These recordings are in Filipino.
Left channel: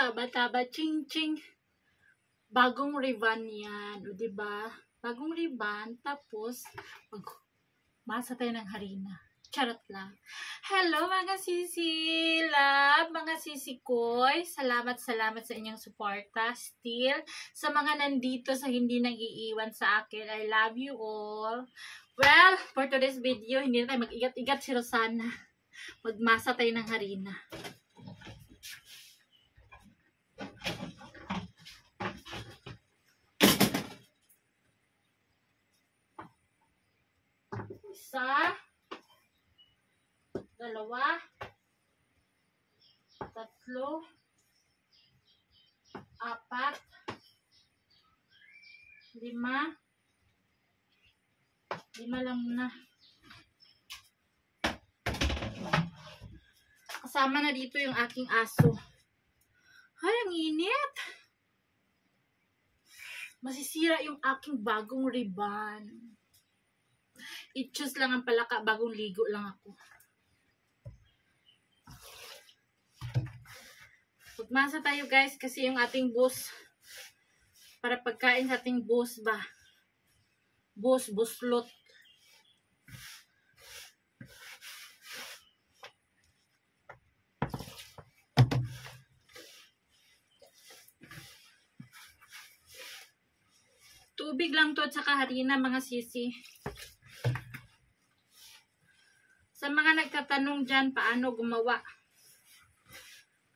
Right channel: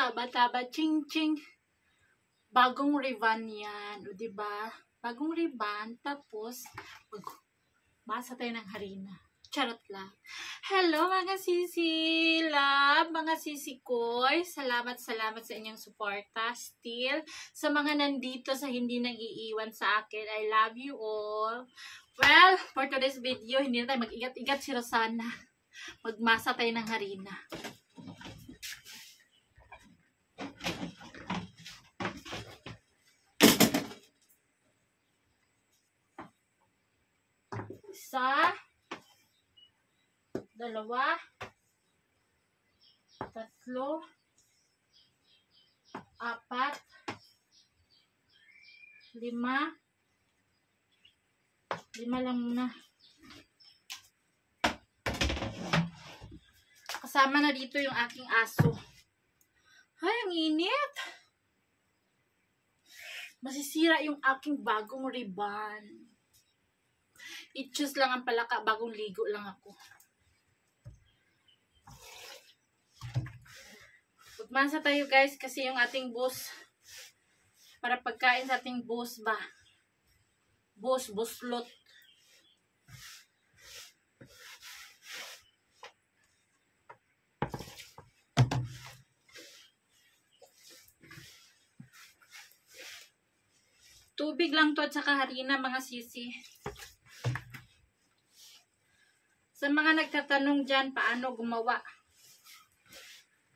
taba-taba, ching-ching. Bagong ribbon yan. O, diba? Bagong ribbon. Tapos, masa tayo ng harina. Charot lang. Hello mga sisi love, mga sisi koy. Salamat sa inyong suporta. Still, sa mga nandito sa hindi nag-iiwan sa akin, I love you all. Well, for today's video, hindi na tayo mag-igat-igat si Rosana. Magmasa tayo ng harina. Isa, dalawa, tatlo, apat, lima lang muna. Kasama na dito yung aking aso. Ay, ang init. Masisira yung aking bagong ribbon. I-choose lang ang palaka, bagong ligo lang ako. Magmasa tayo guys kasi yung ating boss, para pagkain sa ating boss ba? Boslot. Tubig lang to at saka harina mga sisi. Sa mga nagtatanong dyan, paano gumawa?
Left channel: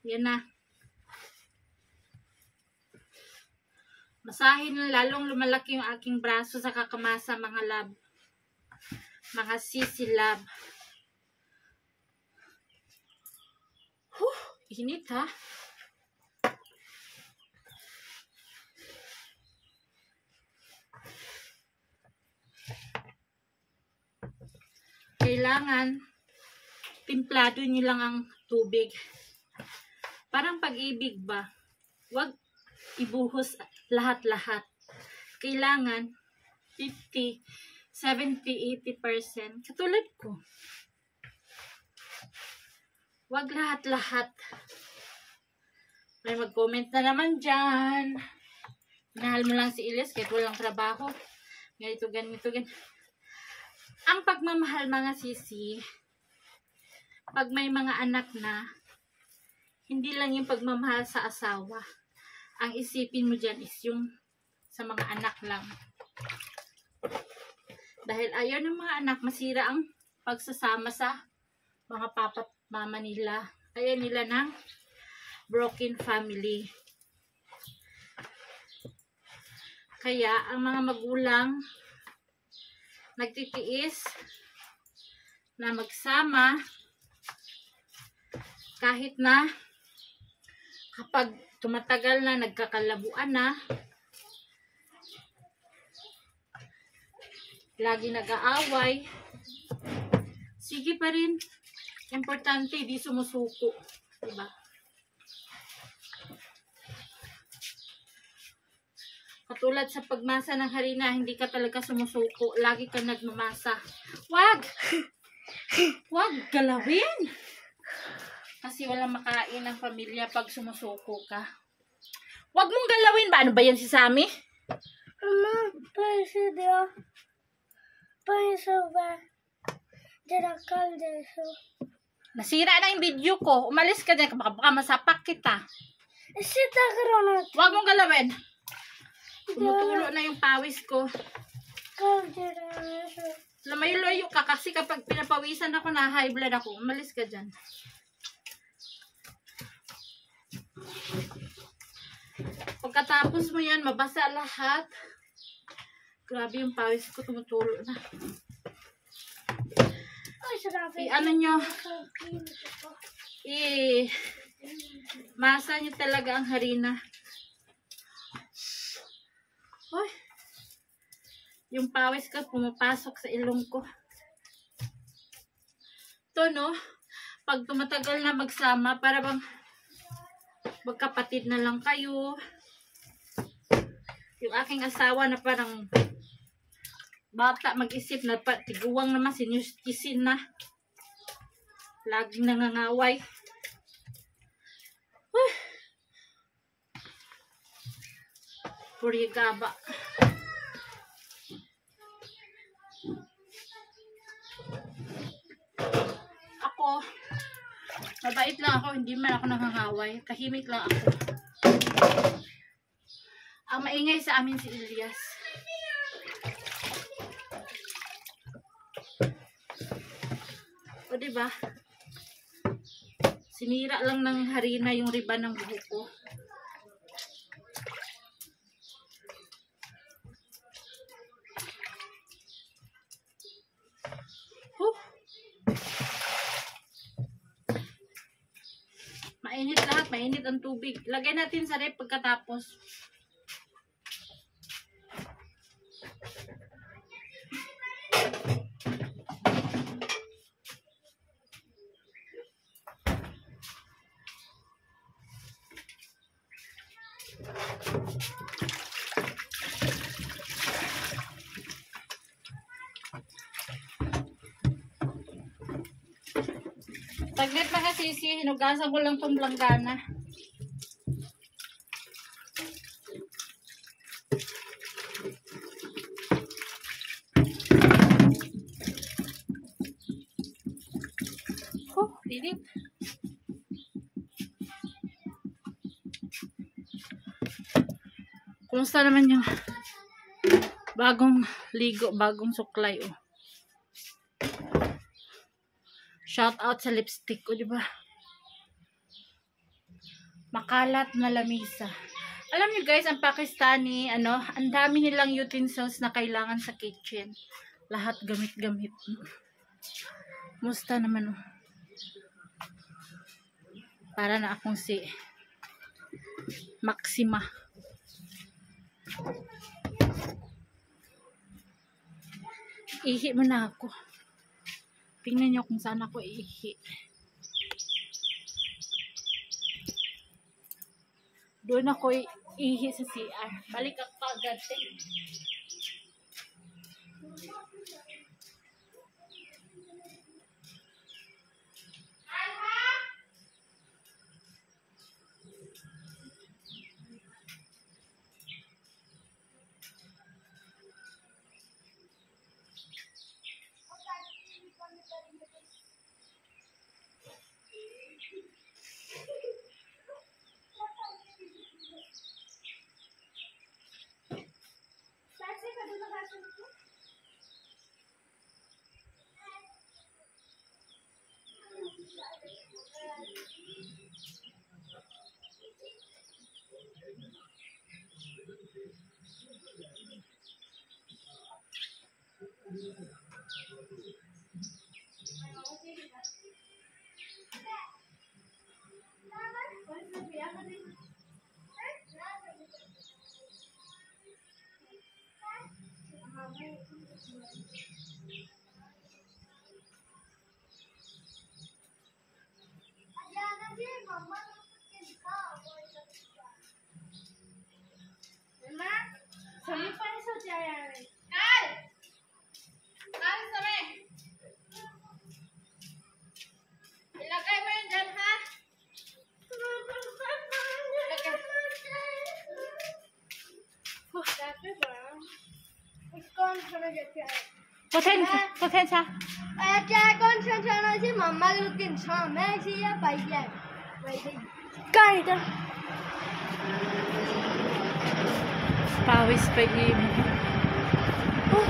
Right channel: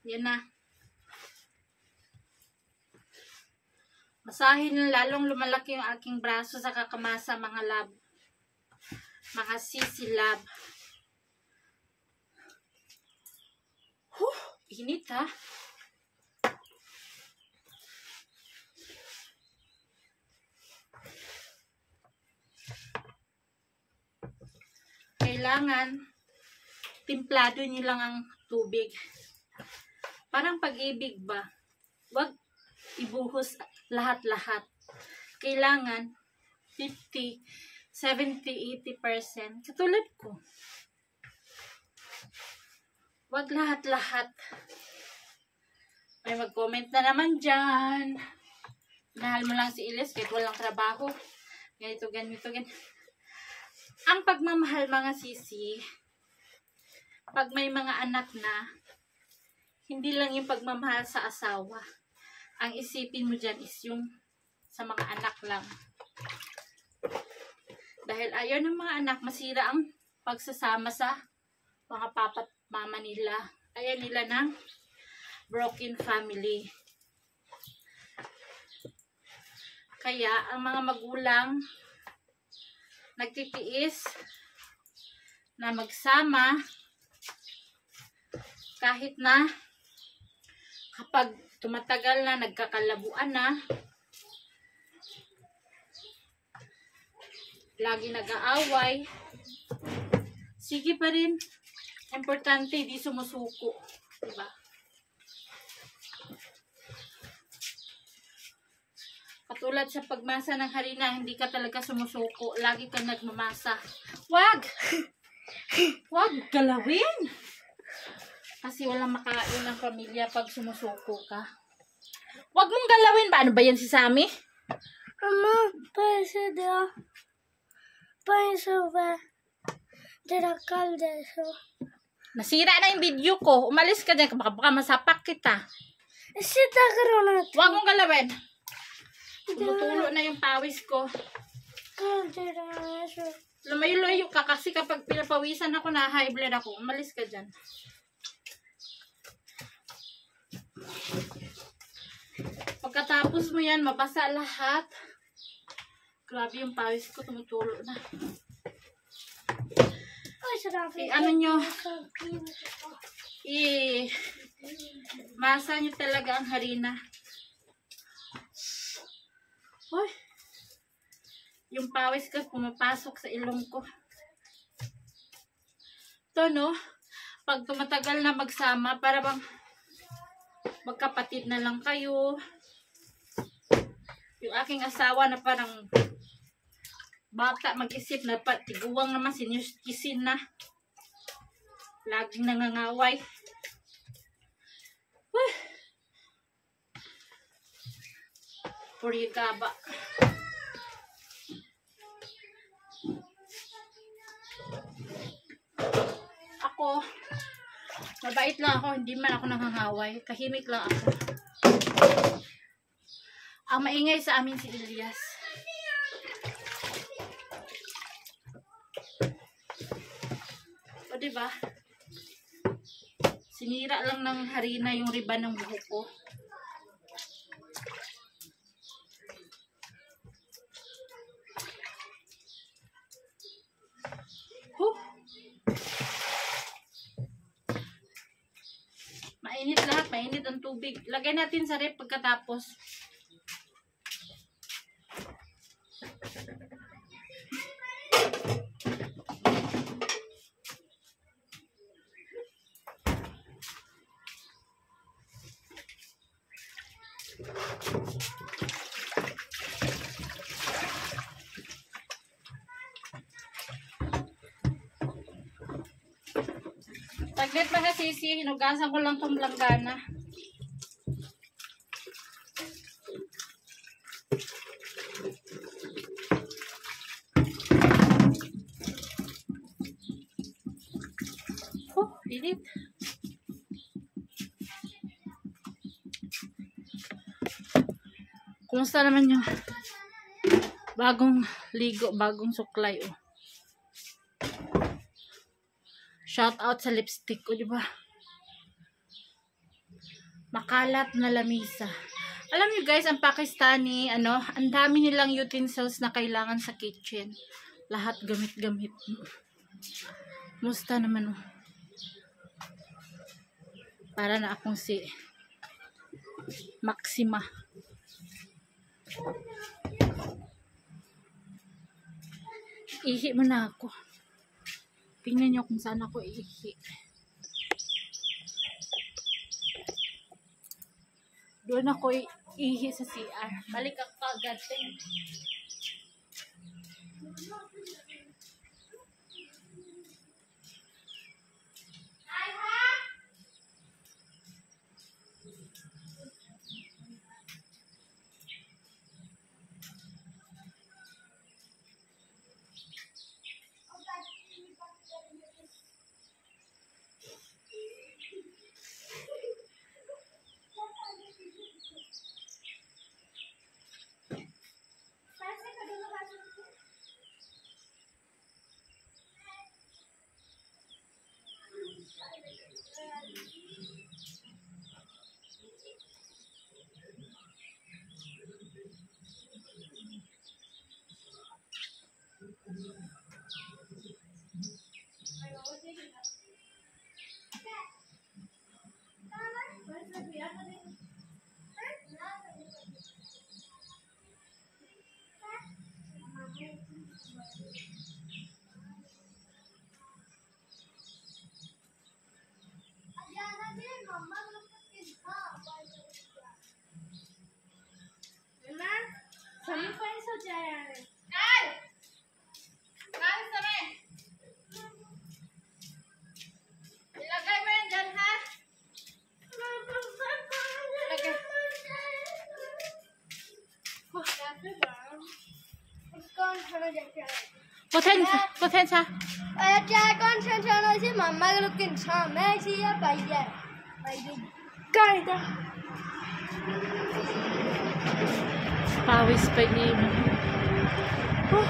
Yan na. Masahin na lalong lumalaki yung aking braso sa kakamasa mga lab. Mga sisi lab. Init ha. Kailangan timplado nyo lang ang tubig. Parang pag-ibig ba? Huwag ibuhos lahat-lahat. Kailangan 50, 70, 80%. Katulad ko. Huwag lahat-lahat. May mag-comment na naman dyan. Minahal mo lang si Ilis kahit walang trabaho. Ganito, ganito, ganito. Ang pagmamahal mga sisi, pag may mga anak na, hindi lang yung pagmamahal sa asawa. Ang isipin mo dyan is yung sa mga anak lang. Dahil ayaw ng mga anak, masira ang pagsasama sa mga papa't mama nila. Ayaw nila ng broken family. Kaya, ang mga magulang, nagtitiis na magsama kahit na kapag tumatagal na, nagkakalabuan na, lagi nag-aaway, sige pa rin. Importante, di sumusuko. Diba? Katulad sa pagmasa ng harina, hindi ka talaga sumusuko. Lagi kang nagmamasa. Wag! Wag galawin! Kasi walang makain ng pamilya pag sumusuko ka. Wag mong galawin ba? Ano ba yan si Sammy? Mama, nasira na yung video ko. Umalis ka dyan. Baka masapak kita. Wag mong galawin. Tumutulo na yung pawis ko. Lumayo-layo ka kasi kapag pinapawisan ako na high blood ako. Umalis ka dyan. Pagkatapos mo yan, mabasa lahat. Grabe yung pawis ko, tumutulo na. Ano nyo? Masa nyo talaga ang harina. Uy, yung pawis ko pumapasok sa ilong ko. Ito no, pag tumatagal na magsama, para bang magkapatid na lang kayo. Yung aking asawa na parang bata, mag-isip na tiguwang naman, sinuskisin na. Laging nangangaway. Purigaba. Ako, mabait lang ako, hindi man ako nangangaway. Tahimik lang ako. Ang maingay sa amin si Elias. O diba? Sinira lang ng harina yung riban ng buhok ko. Mainit lahat, mainit ang tubig. Lagay natin sa rep pagkatapos. Saglit mga sisi, hinugasan ko lang tong langgana. Init. Kumusta naman yung bagong ligo, bagong suklay, oh. Shout out sa lipstick ko, di ba? Makalat na lamisa. Alam niyo guys, ang Pakistani, ang dami nilang utensils na kailangan sa kitchen. Lahat gamit-gamit. Musta naman, oh. Para na akong si Maxima. Ihi mo na ako. Tingnan nyo kung saan ako ihi. Doon ako ihi sa CR. Balik ako agad. Ilagay mo yan dyan, ha? Potens ha? Pawis pa mo.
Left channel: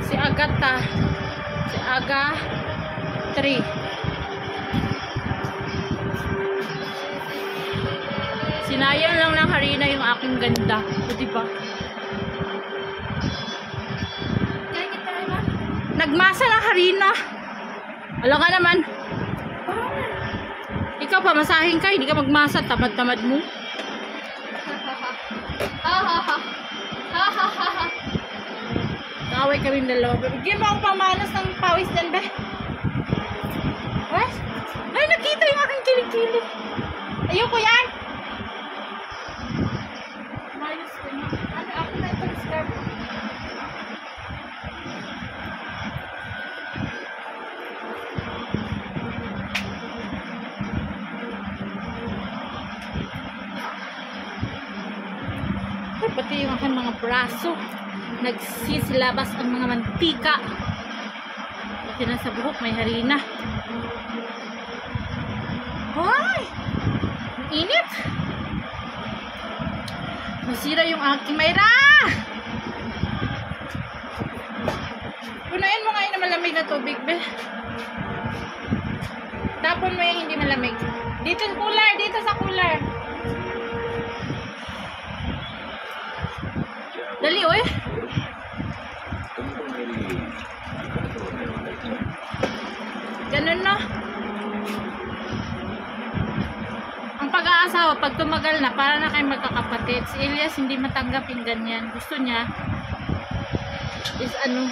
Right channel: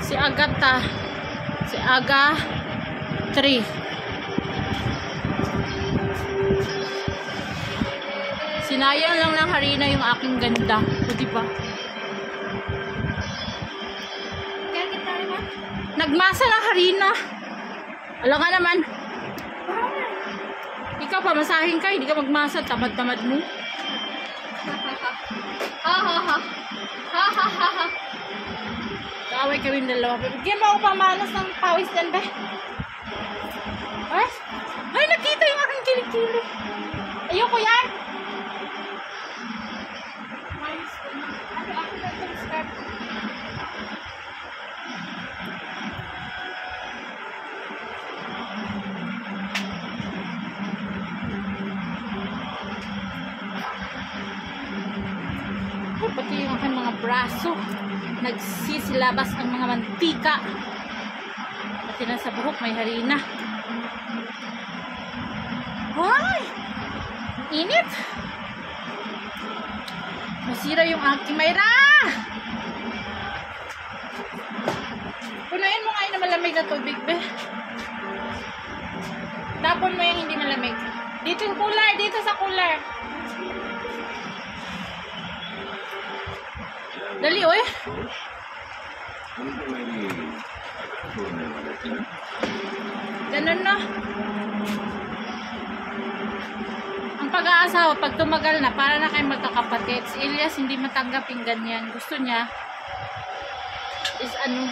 Si Agata. Si Aga 3. Sinayang lang ng harina yung aking ganda. O diba? Nagmasa ng harina. Alam ka naman. Ikaw pa, masahin ka. Hindi ka magmasa. Tamad-tamad mo. Kaaway kaming dalawa. Bigyan mo ako pamanas ng pawis dyan, be. Ay, nakita yung aking kilig-kilig. Ayoko yan. Mayos ko na. Ako na itong scarf. pati yung aking mga braso. Nagsisilabas ang mga mantika. Pati na sa buhok may harina. Hoy! Init! Nasira yung aking Mayra! Punain mo ngayon na malamig na tubig, be. Tapon mo yung hindi malamig. Dito sa cooler, dito sa cooler. Dali, oy. Ganun na. Ang pag-aasawa, pag tumagal na, para na kayo magkakapatid. Si Elias hindi matanggap yung ganyan. Gusto niya is ano,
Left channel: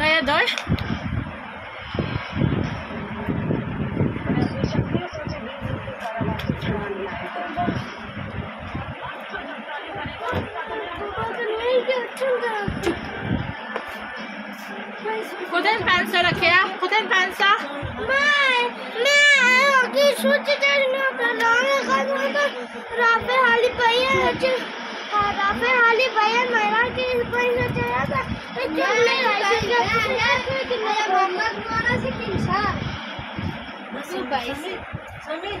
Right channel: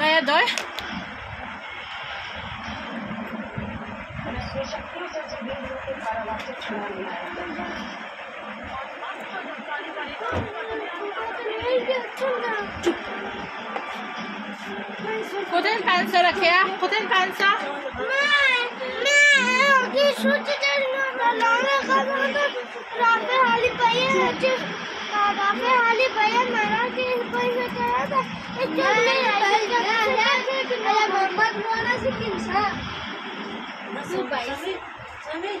kaya doy? Kuten pansa रखे आ kuten pansa मैं ये सोच कर ना बनाना खाना था राफे हाली पाया है राफे हाली पाया मेरा के पैसा चला था जल्दी है कि मैं मम्मा द्वारा से किनसा बस पैसे समय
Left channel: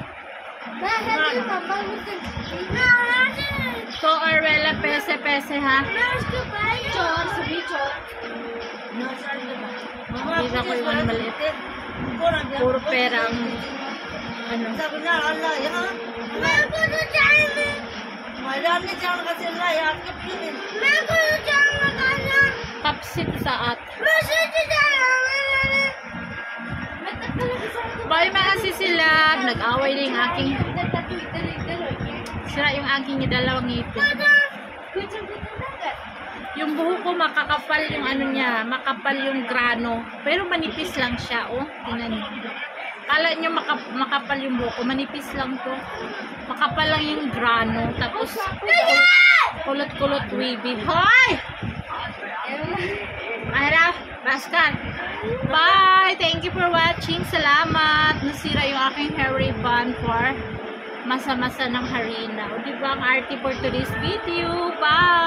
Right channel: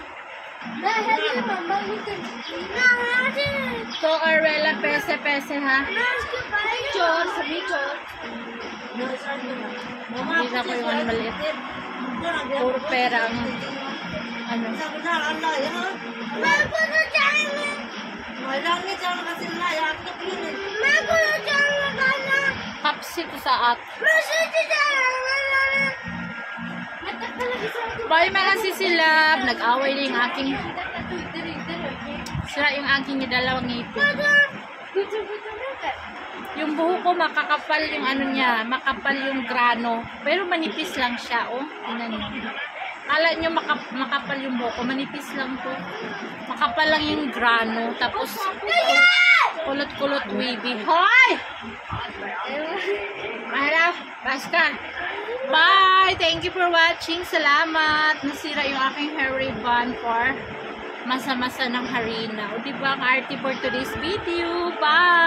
मैं है मम्मा मुझे ना तो Arvela पैसे ha मैं उसको पाया चोर सभी चोर Kita ko yung ano maliit. Puro pera ang ano. Kapsi to sa at. Bye mga sisilab. Nag-away na yung aking sira yung aking dalawang ngipin. Yung buhok ko makakapal yung ano niya, makapal yung grano. Pero manipis lang siya, oh. Tingnan niyo. Kala niyo makapal yung buhok ko, manipis lang to. Makapal lang yung grano. Tapos kulot-kulot wavy. Hoy! Mahirap, baskan. Bye! Thank you for watching. Salamat. Nasira yung aking hair ribbon for masa-masa ng harina. O diba ang arte for today's video. Bye!